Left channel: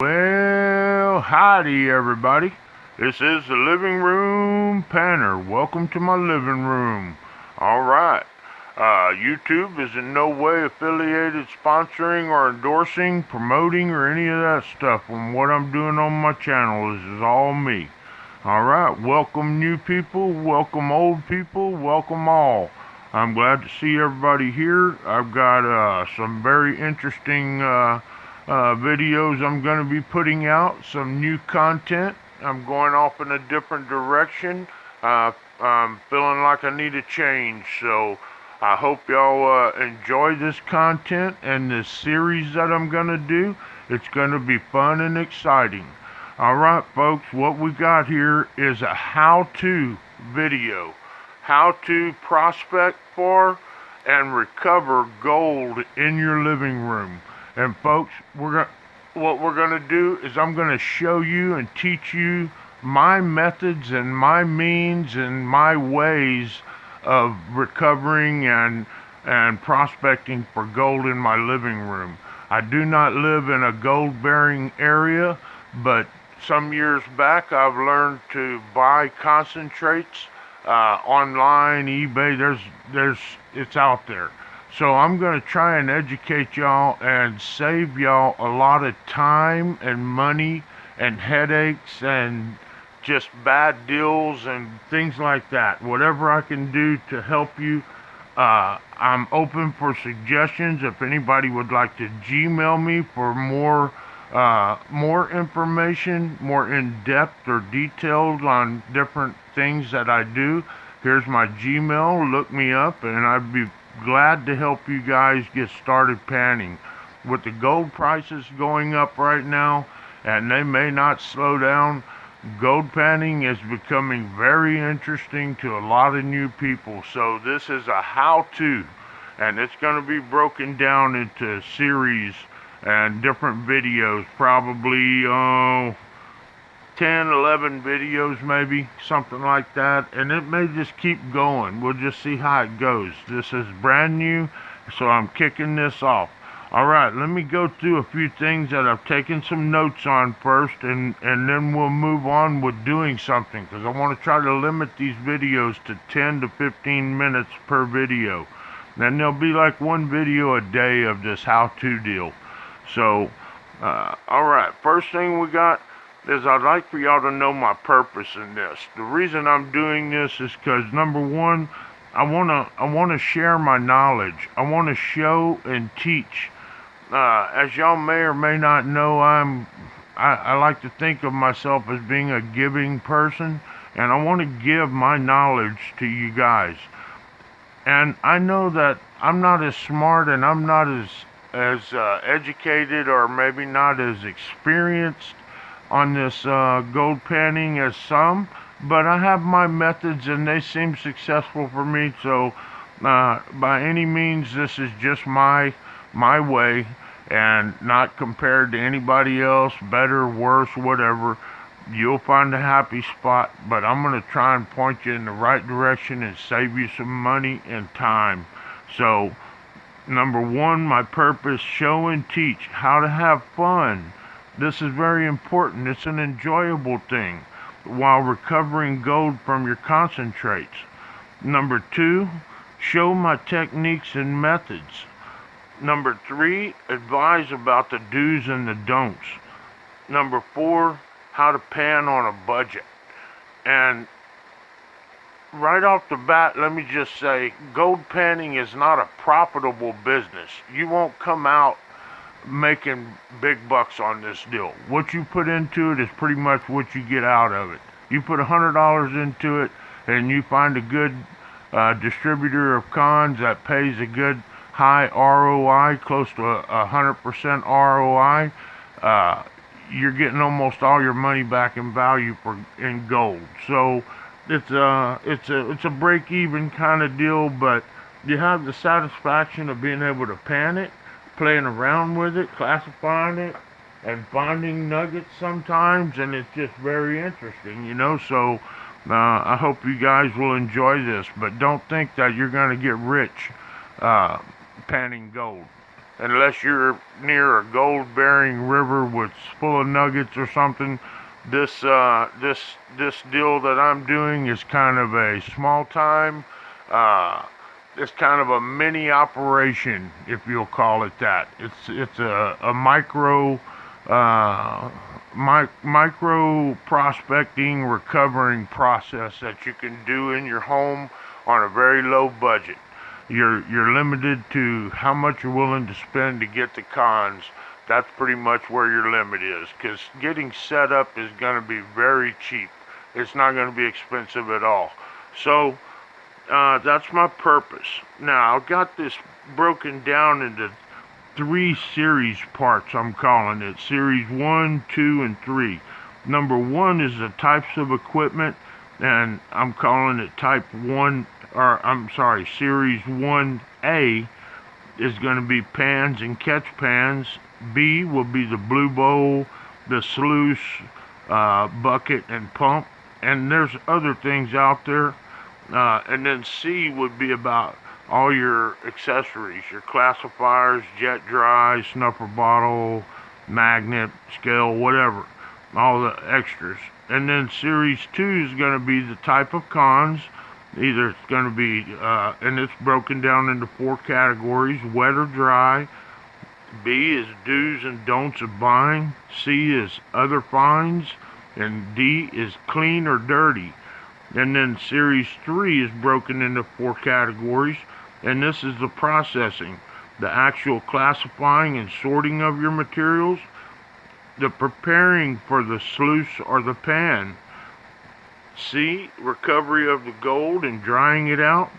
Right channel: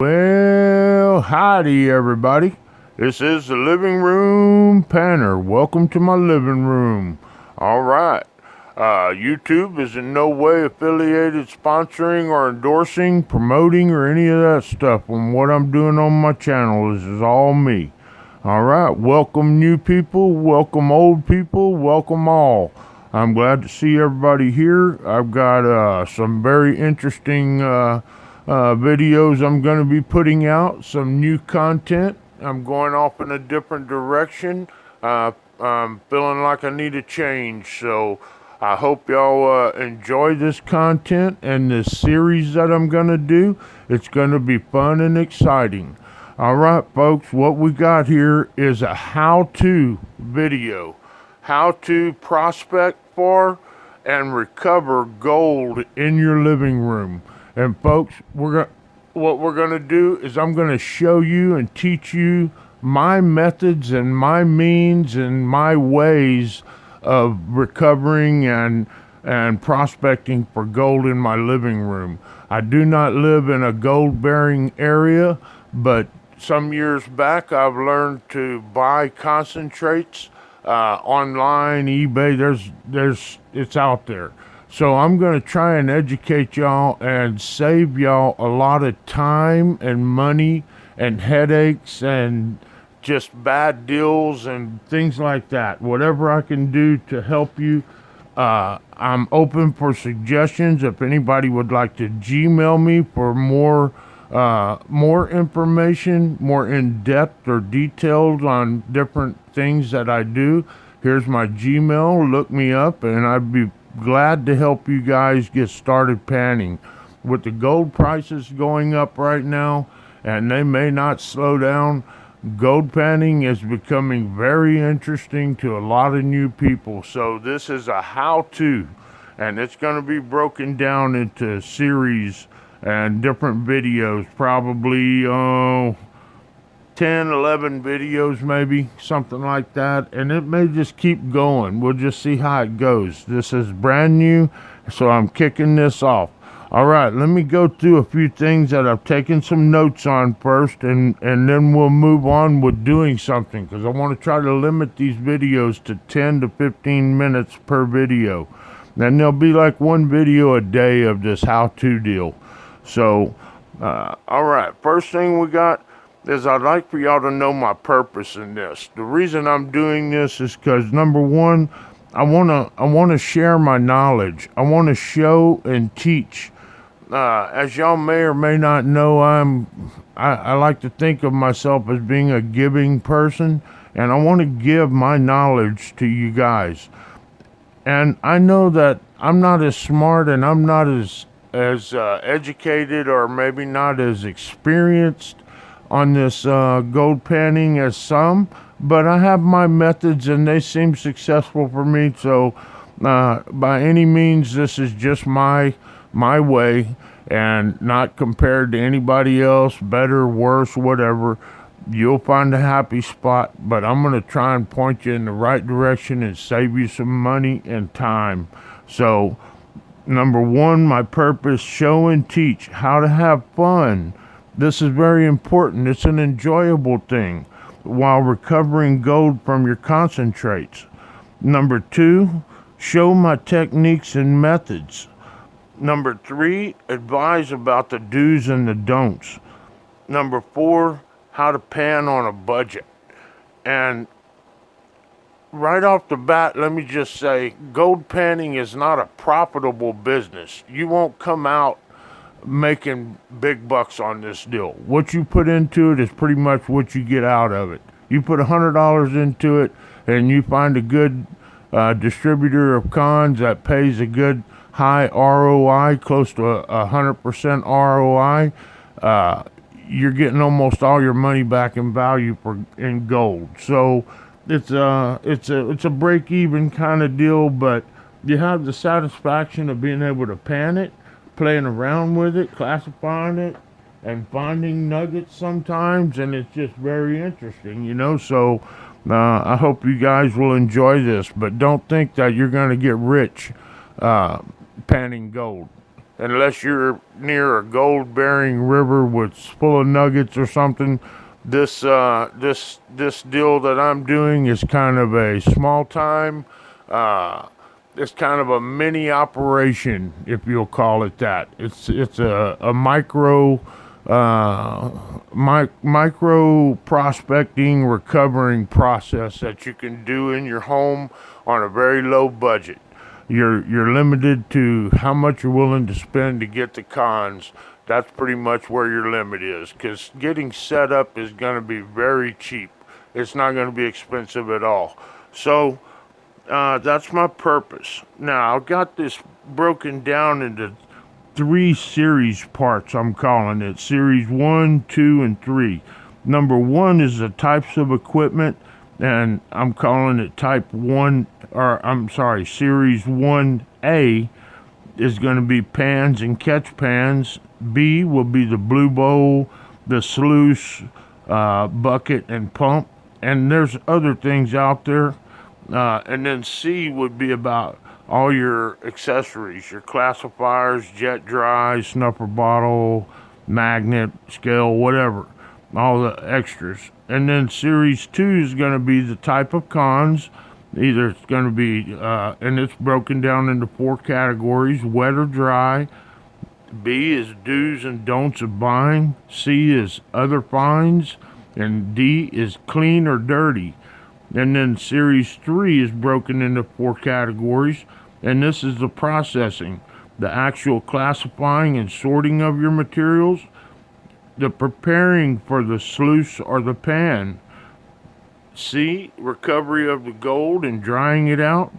Well, howdy everybody. This is the Living Room Panner. Welcome to my living room. Alright. YouTube is in no way affiliated, sponsoring, or endorsing, promoting, or any of that stuff. And what I'm doing on my channel is all me. Alright, welcome new people, welcome old people, welcome all. I'm glad to see everybody here. I've got some very interesting videos I'm going to be putting out, some new content. I'm going off in a different direction. I'm feeling like I need a change, so I hope y'all enjoy this content and this series that I'm going to do. It's going to be fun and exciting. Alright folks, what we got here is a how-to video. How to prospect for and recover gold in your living room. And folks, what we're going to do is I'm going to show you and teach you my methods and my means and my ways of recovering and prospecting for gold in my living room. I do not live in a gold bearing area, but some years back I've learned to buy concentrates online, eBay. It's out there. So I'm going to try and educate y'all and save y'all a lot of time and money and headaches and just bad deals and things like that. Whatever I can do to help you, I'm open for suggestions. If anybody would like to Gmail me for more information, more in-depth or detailed on different things that I do, here's my Gmail. Look me up and I'd be glad to help you guys get started panning. With the gold prices going up right now, and they may not slow down, gold panning is becoming very interesting to a lot of new people. So this is a how-to, and it's going to be broken down into series and different videos, probably 10, 11 videos maybe, something like that, and it may just keep going. We'll just see how it goes. This is brand new, so I'm kicking this off. Alright, let me go through a few things that I've taken some notes on first, and then we'll move on with doing something, because I want to try to limit these videos to 10 to 15 minutes per video. And there'll be like one video a day of this how-to deal. So, alright, first thing we got is I'd like for y'all to know my purpose in this. The reason I'm doing this is because, number one, I wanna share my knowledge. I want to show and teach. As y'all may or may not know, I like to think of myself as being a giving person, and I want to give my knowledge to you guys. And I know that I'm not as smart and I'm not as educated, or maybe not as experienced on this gold panning as some, but I have my methods and they seem successful for me. So by any means, this is just my way, and not compared to anybody else, better, worse, whatever. You'll find a happy spot, but I'm going to try and point you in the right direction and save you some money and time. So number one, my purpose: show and teach how to have fun. This is very important. It's an enjoyable thing while recovering gold from your concentrates. Number two, show my techniques and methods. Number three, advise about the do's and the don'ts. Number four, how to pan on a budget. And right off the bat, let me just say, gold panning is not a profitable business. You won't come out making big bucks on this deal. What you put into it is pretty much what you get out of it. You put $100 into it and you find a good distributor of cons that pays a good high ROI, close to 100% ROI, you're getting almost all your money back in value in gold. So it's a break-even kind of deal, but you have the satisfaction of being able to pan it, playing around with it, classifying it, and finding nuggets sometimes, and it's just very interesting, you know. So I hope you guys will enjoy this, but don't think that you're going to get rich panning gold. unless you're near a gold-bearing river with full of nuggets or something. This deal that I'm doing is kind of a small time. Uh, it's kind of a mini operation, if you'll call it that. It's a micro micro prospecting recovering process that you can do in your home on a very low budget. You're limited to how much you're willing to spend to get the cons. That's pretty much where your limit is, because getting set up is going to be very cheap. It's not going to be expensive at all. So that's my purpose. Now I've got this broken down into three series parts. I'm calling it series 1, 2, and 3. Number 1 is the types of equipment, and I'm calling it type 1, or I'm sorry, series 1A is going to be pans and catch pans. B will be the blue bowl, the sluice, bucket, and pump. And there's other things out there. And then C would be about all your accessories, your classifiers, jet dry, snuffer bottle, magnet, scale, whatever, all the extras. And then series 2 is going to be the type of cons. Either it's going to be, and it's broken down into 4 categories: wet or dry. B is do's and don'ts of buying. C is other finds. And D is clean or dirty. And then series 3 is broken into 4 categories. And this is the processing, the actual classifying and sorting of your materials, the preparing for the sluice or the pan. C, recovery of the gold and drying it out,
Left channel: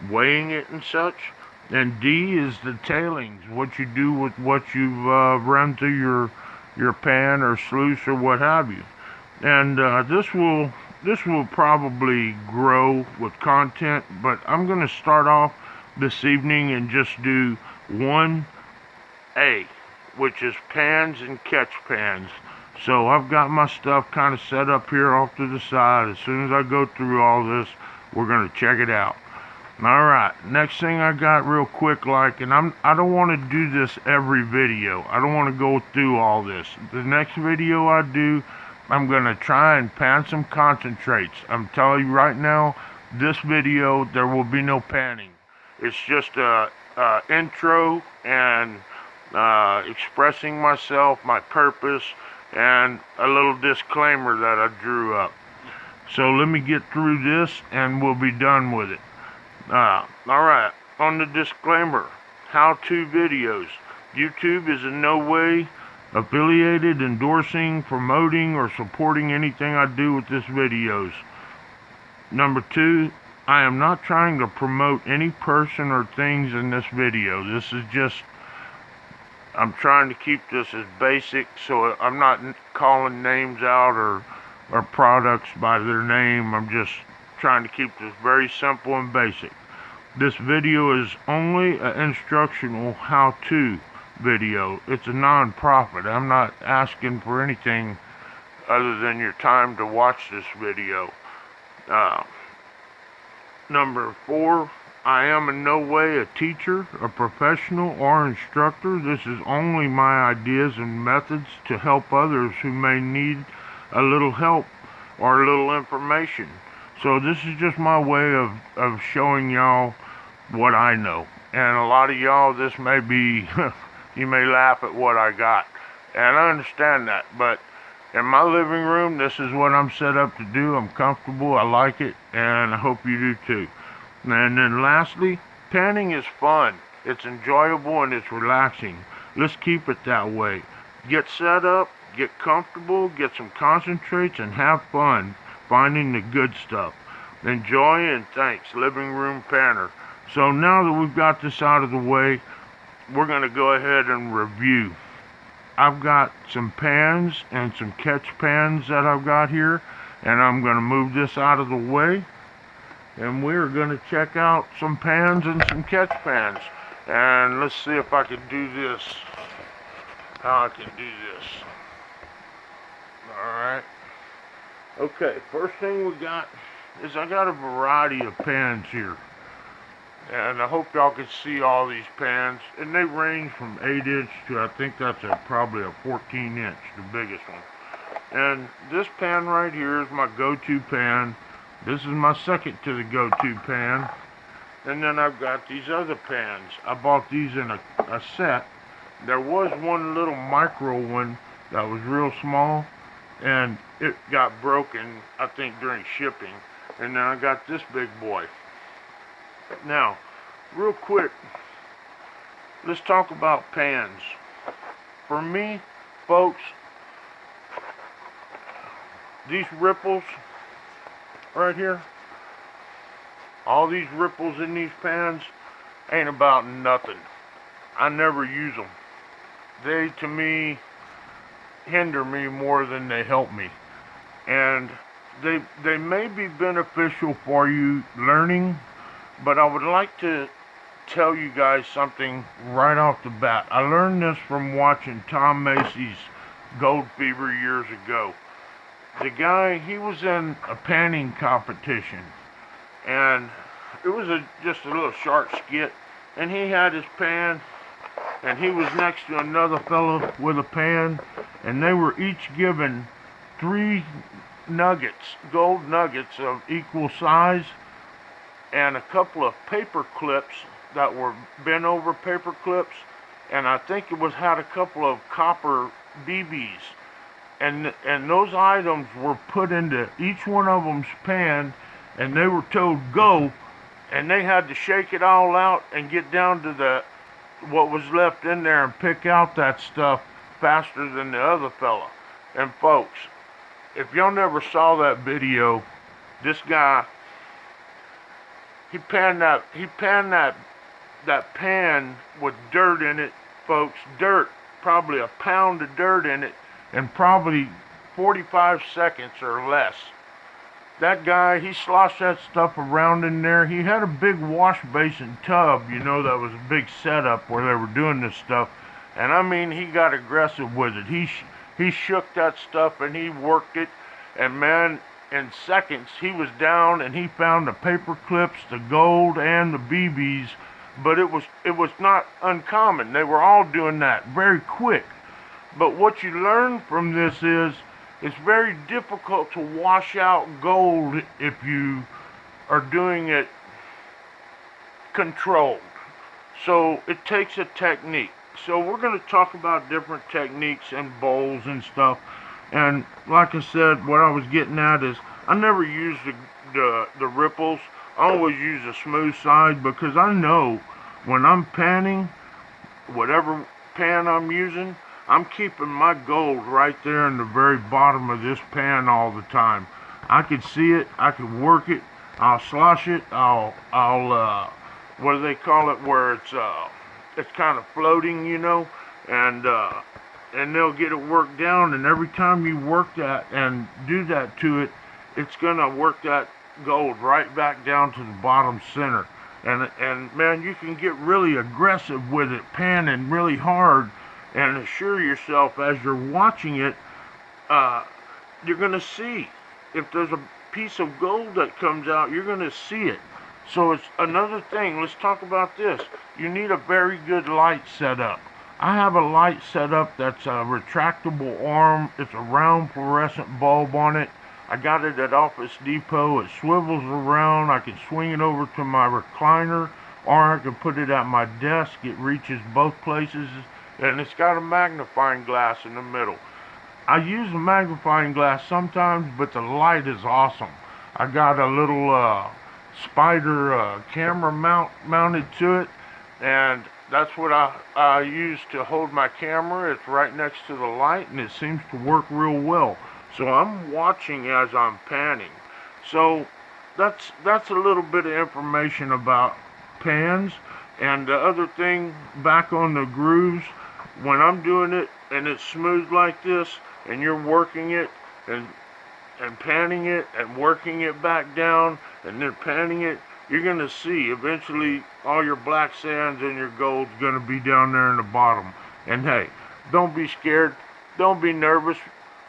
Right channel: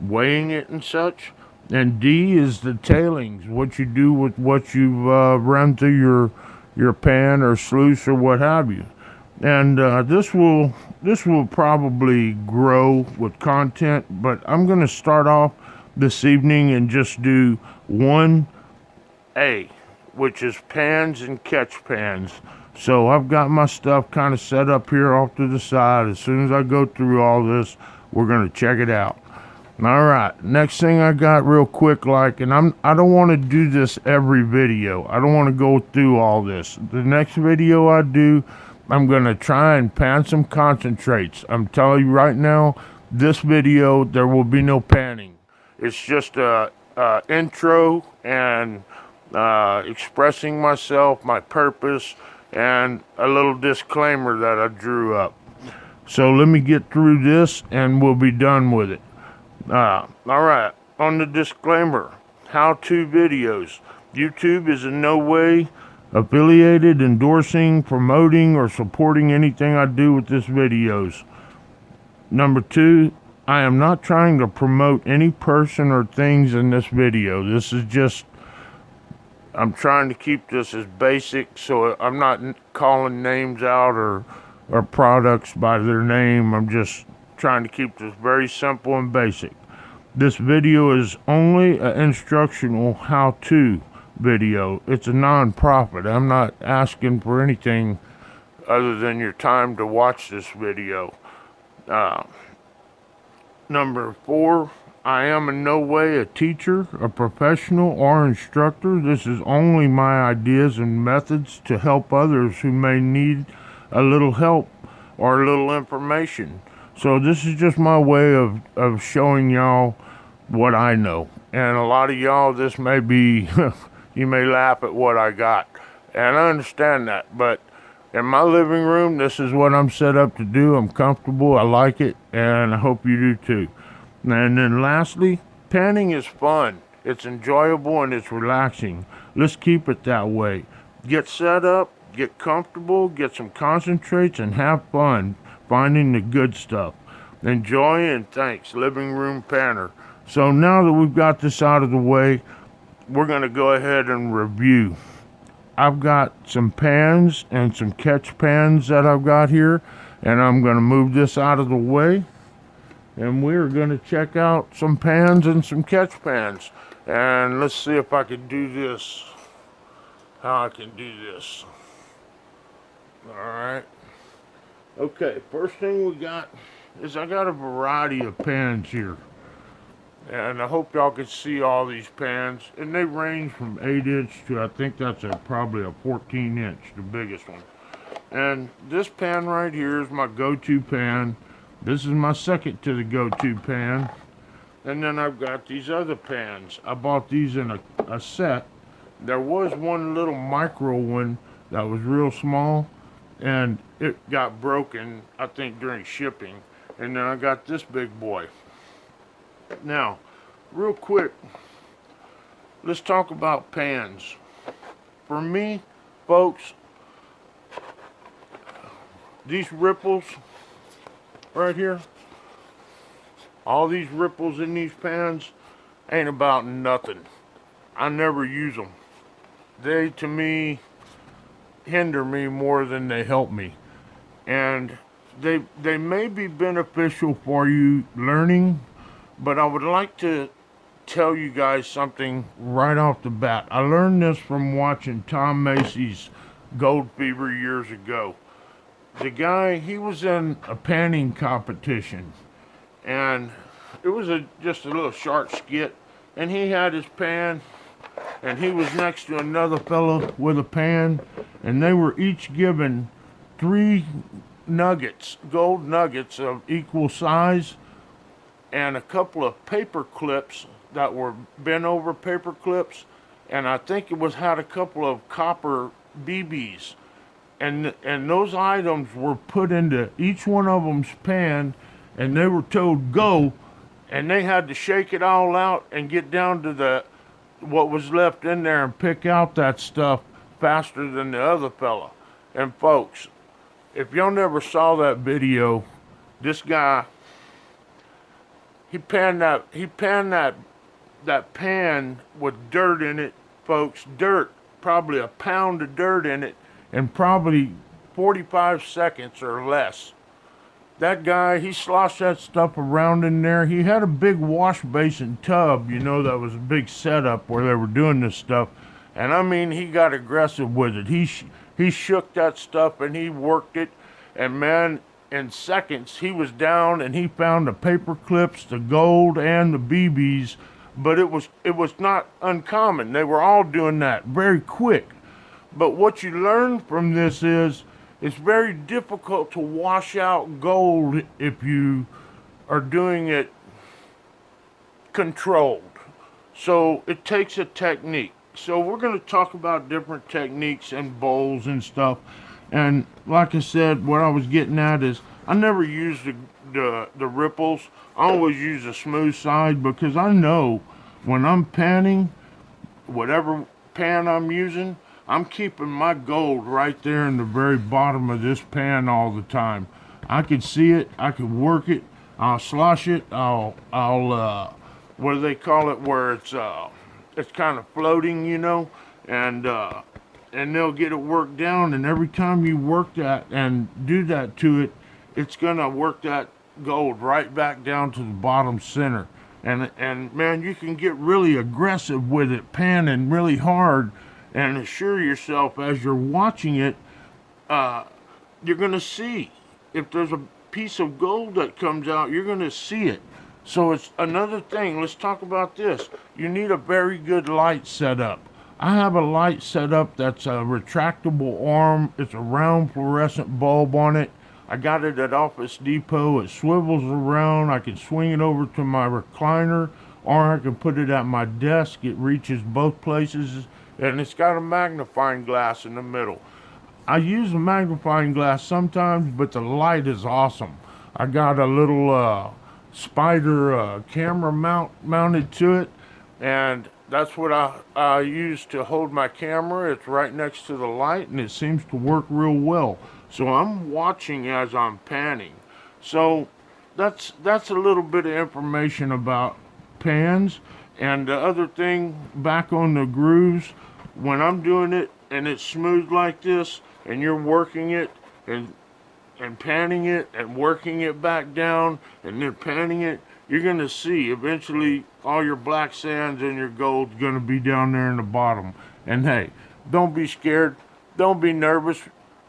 weighing it and such. And D is the tailings, what you do with what you've run through your pan or sluice or what have you. And this will probably grow with content, but I'm going to start off this evening and just do 1A, which is pans and catch pans. So I've got my stuff kind of set up here off to the side. As soon as I go through all this, we're going to check it out. All right, next thing I got real quick, and I don't want to do this every video. I don't want to go through all this. The next video I do, I'm going to try and pan some concentrates. I'm telling you right now, this video, there will be no panning. It's just a intro and expressing myself, my purpose, and a little disclaimer that I drew up. So let me get through this and we'll be done with it. Alright, on the disclaimer, how-to videos. YouTube is in no way affiliated, endorsing, promoting, or supporting anything I do with this videos. Number 2, I am not trying to promote any person or things in this video. This is just, I'm trying to keep this as basic, so I'm not calling names out or products by their name. I'm just trying to keep this very simple and basic. This video is only an instructional how-to video. It's a non-profit. I'm not asking for anything other than your time to watch this video. Number 4, I am in no way a teacher, a professional, or instructor. This is only my ideas and methods to help others who may need a little help or a little information. So this is just my way of showing y'all what I know. And a lot of y'all, this may be, you may laugh at what I got. And I understand that, but in my living room, this is what I'm set up to do. I'm comfortable, I like it, and I hope you do too. And then lastly, panning is fun. It's enjoyable and it's relaxing. Let's keep it that way. Get set up, get comfortable, get some concentrates, and have fun finding the good stuff. Enjoy and thanks, Living Room Panner. So now that we've got this out of the way, we're going to go ahead and review. I've got some pans and some catch pans that I've got here, and I'm going to move this out of the way, and we're going to check out some pans and some catch pans. And let's see if I can do this, how I can do this. Alright. Okay, first thing we got is I got a variety of pans here. And I hope y'all can see all these pans. And they range from 8 inch to, I think that's probably a 14 inch, the biggest one. And this pan right here is my go-to pan. This is my second to the go-to pan. And then I've got these other pans. I bought these in a set. There was one little micro one that was real small, and it got broken, I think, during shipping. And then I got this big boy. Now, real quick, let's talk about pans. For me, folks, these ripples right here, all these ripples in these pans ain't about nothing. I never use them. They, to me, hinder me more than they help me. And they may be beneficial for you learning, but I would like to tell you guys something right off the bat. I learned this from watching Tom Macy's Gold Fever years ago. The guy, he was in a panning competition, and it was just a little short skit, and he had his pan, and he was next to another fellow with a pan, and they were each given 3 nuggets, gold nuggets of equal size, and a couple of paper clips that were bent over paper clips, and I think it was had a couple of copper BBs, and those items were put into each one of them's pan, and they were told go, and they had to shake it all out and get down to the what was left in there and pick out that stuff faster than the other fella. And folks, if y'all never saw that video, this guy, he panned that pan with dirt in it, folks. Dirt, probably a pound of dirt in it, in probably 45 seconds or less. That guy, he sloshed that stuff around in there. He had a big wash basin tub, that was a big setup where they were doing this stuff. And I mean, he got aggressive with it. He shook that stuff and he worked it. And man, in seconds, he was down and he found the paper clips, the gold, and the BBs. But it was not uncommon. They were all doing that very quick. But what you learn from this is it's very difficult to wash out gold if you are doing it controlled. So it takes a technique. So we're going to talk about different techniques and bowls and stuff. And like I said, what I was getting at is I never use the ripples. I always use the smooth side because I know when I'm panning, whatever pan I'm using, I'm keeping my gold right there in the very bottom of this pan all the time. I can see it. I can work it. I'll slosh it. I'll what do they call it? Where it's kind of floating, and they'll get it worked down. And every time you work that and do that to it, it's gonna work that gold right back down to the bottom center. And man, you can get really aggressive with it, panning really hard. And assure yourself as you're watching it, you're going to see. If there's a piece of gold that comes out, you're going to see it. So it's another thing. Let's talk about this. You need a very good light setup. I have a light setup that's a retractable arm. It's a round fluorescent bulb on it. I got it at Office Depot. It swivels around. I can swing it over to my recliner, or I can put it at my desk. It reaches both places. And it's got a magnifying glass in the middle. I use a magnifying glass sometimes, but the light is awesome. I got a little spider camera mounted to it, and that's what I use to hold my camera. It's right next to the light, and it seems to work real well. So I'm watching as I'm panning. So that's a little bit of information about pans. And the other thing, back on the grooves, when I'm doing it and it's smooth like this, and you're working it and panning it and working it back down and then panning it, you're going to see eventually all your black sands and your gold's going to be down there in the bottom. And hey, don't be scared. Don't be nervous.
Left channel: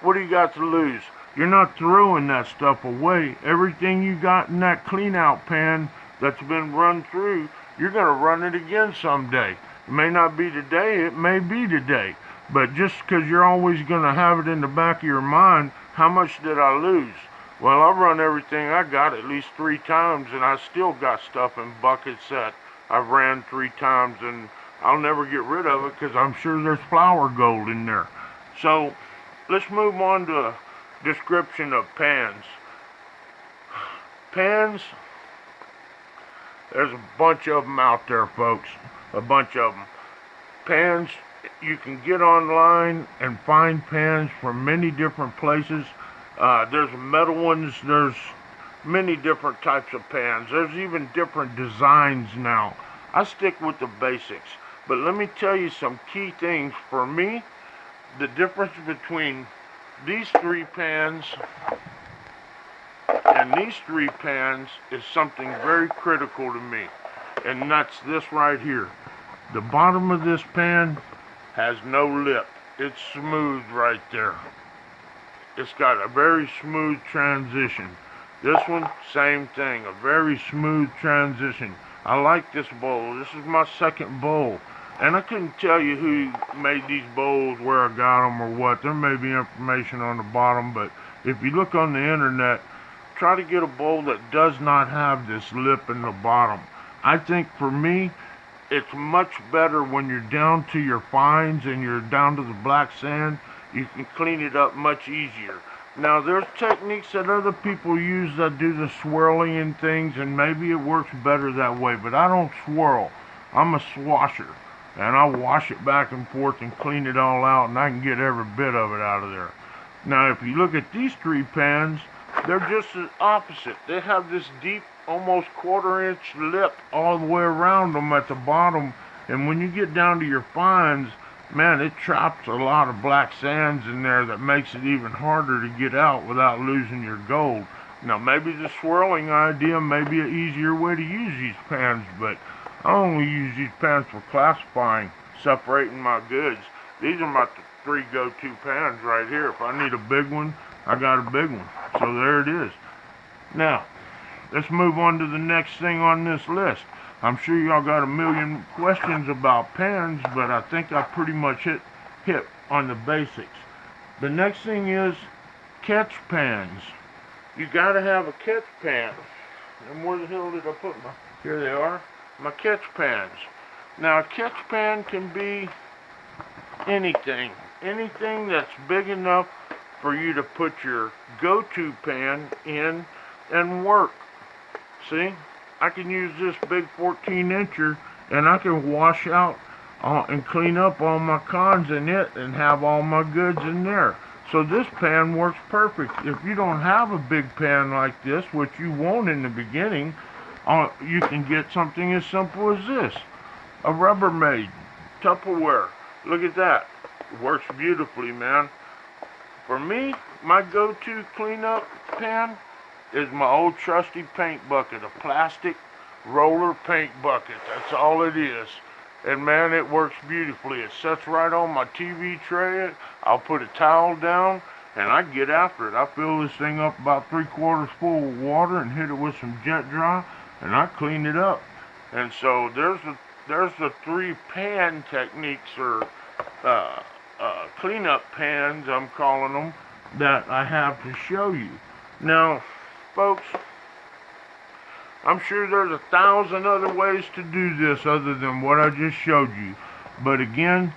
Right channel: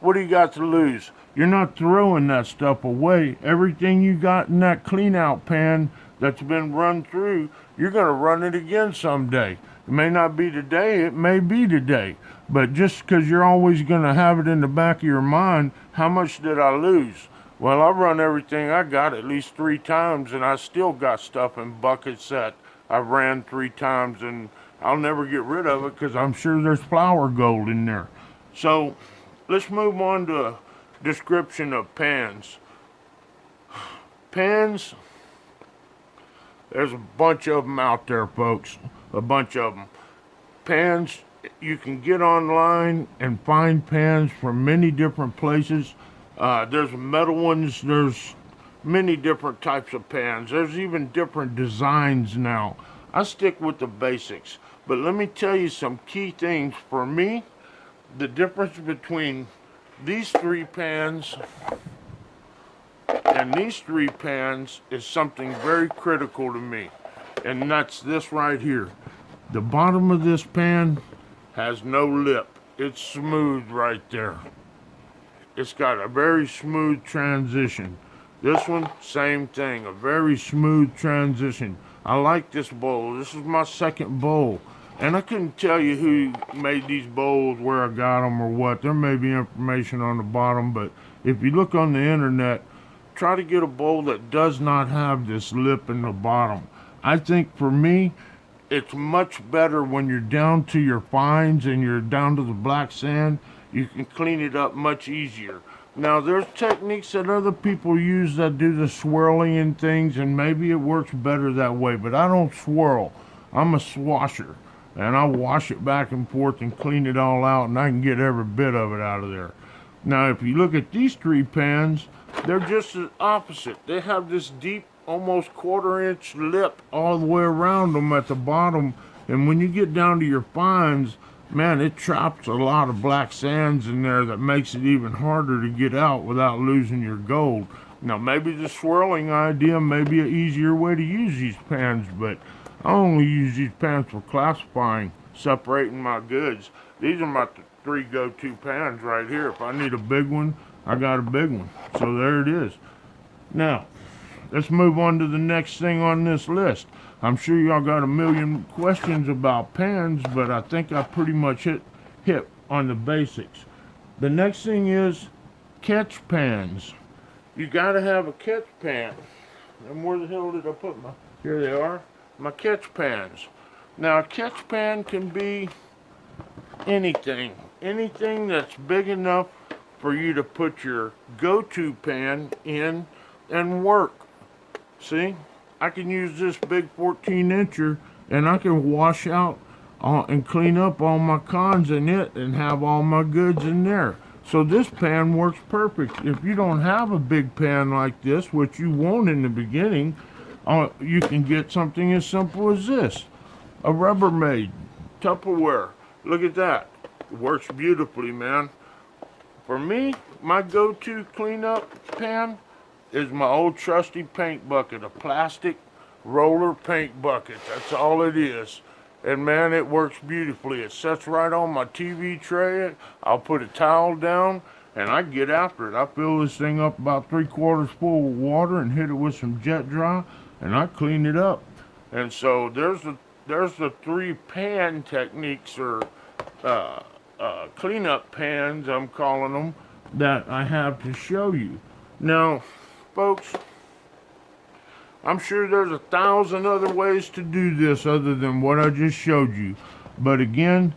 What do you got to lose? You're not throwing that stuff away. Everything you got in that clean out pan that's been run through, you're going to run it again someday. It may not be today, it may be today. But just because you're always going to have it in the back of your mind, how much did I lose? Well, I run everything I got at least 3 times, and I still got stuff in buckets that I've ran 3 times, and I'll never get rid of it because I'm sure there's flour gold in there. So let's move on to a description of pans. Pans, there's a bunch of them out there, folks. A bunch of them. Pans, you can get online and find pans from many different places. There's metal ones, there's many different types of pans. There's even different designs now. I stick with the basics. But let me tell you some key things. For me, the difference between these 3 pans and these 3 pans is something very critical to me. And that's this right here. The bottom of this pan has no lip. It's smooth right there. It's got a very smooth transition. This one, same thing, a very smooth transition. I like this bowl. This is my second bowl. And I couldn't tell you who made these bowls, where I got them or what. There may be information on the bottom, but if you look on the internet, try to get a bowl that does not have this lip in the bottom. I think for me, it's much better when you're down to your fines and you're down to the black sand. You can clean it up much easier. Now, there's techniques that other people use that do the swirling and things, and maybe it works better that way, but I don't swirl. I'm a swasher, and I wash it back and forth and clean it all out, and I can get every bit of it out of there. Now, if you look at these 3 pans, they're just the opposite. They have this deep, almost 1/4-inch lip all the way around them at the bottom, and when you get down to your fines, man, it traps a lot of black sands in there that makes it even harder to get out without losing your gold. Now, maybe the swirling idea may be an easier way to use these pans, but I only use these pans for classifying, separating my goods. These are my 3 go-to pans right here. If I need a big one, I got a big one. So there it is. Now, let's move on to the next thing on this list. I'm sure y'all got a million questions about pans, but I think I pretty much hit on the basics. The next thing is catch pans. You gotta have a catch pan. And where the hell did I put my... Here they are, my catch pans. Now, a catch pan can be anything. Anything that's big enough for you to put your go-to pan in and work. See? I can use this big 14-incher and I can wash out and clean up all my cons in it and have all my goods in there. So this pan works perfect. If you don't have a big pan like this, which you won't in the beginning, you can get something as simple as this. A Rubbermaid Tupperware. Look at that. It works beautifully, man. For me, my go-to cleanup pan is my old trusty paint bucket, a plastic roller paint bucket. That's all it is. And man, it works beautifully. It sits right on my TV tray. I'll put a towel down and I get after it. I fill this thing up about 3/4 full of water and hit it with some jet dry and I clean it up. And so there's the 3 pan techniques, or cleanup pans, I'm calling them, that I have to show you. Now, folks, I'm sure there's 1,000 other ways to do this other than what I just showed you. But again,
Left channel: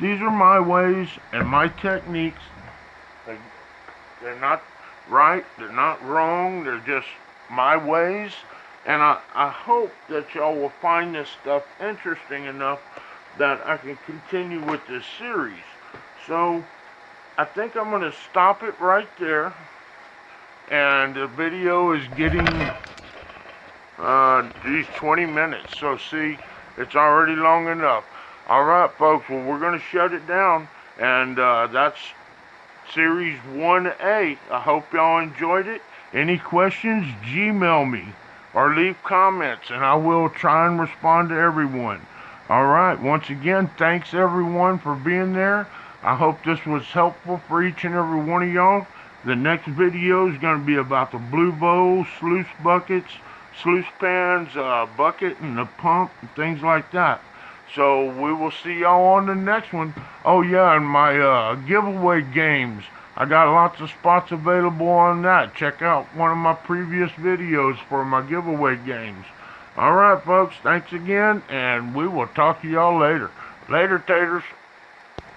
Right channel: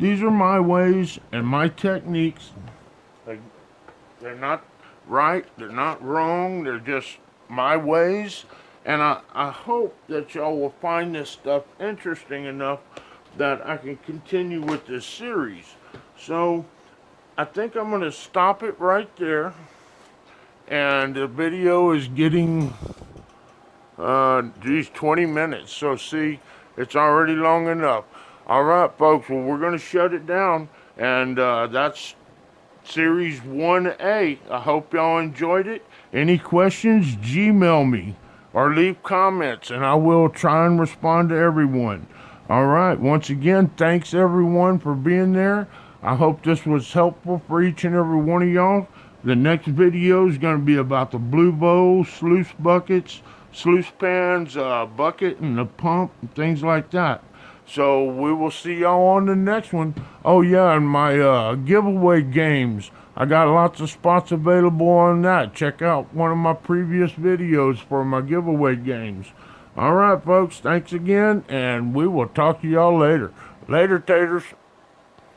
these are my ways and my techniques. They're not right, they're not wrong, they're just my ways. And I hope that y'all will find this stuff interesting enough that I can continue with this series. So, I think I'm going to stop it right there. And the video is getting these 20 minutes. So see, it's already long enough. Alright folks, well we're going to shut it down. And that's series 1A. I hope y'all enjoyed it. Any questions, Gmail me or leave comments and I will try and respond to everyone. Alright, once again, thanks everyone for being there. I hope this was helpful for each and every one of y'all. The next video is going to be about the blue bowls, sluice buckets, sluice pans, bucket, and the pump, and things like that. So we will see y'all on the next one. Oh yeah, and my giveaway games. I got lots of spots available on that. Check out one of my previous videos for my giveaway games. Alright folks, thanks again, and we will talk to y'all later. Later, taters.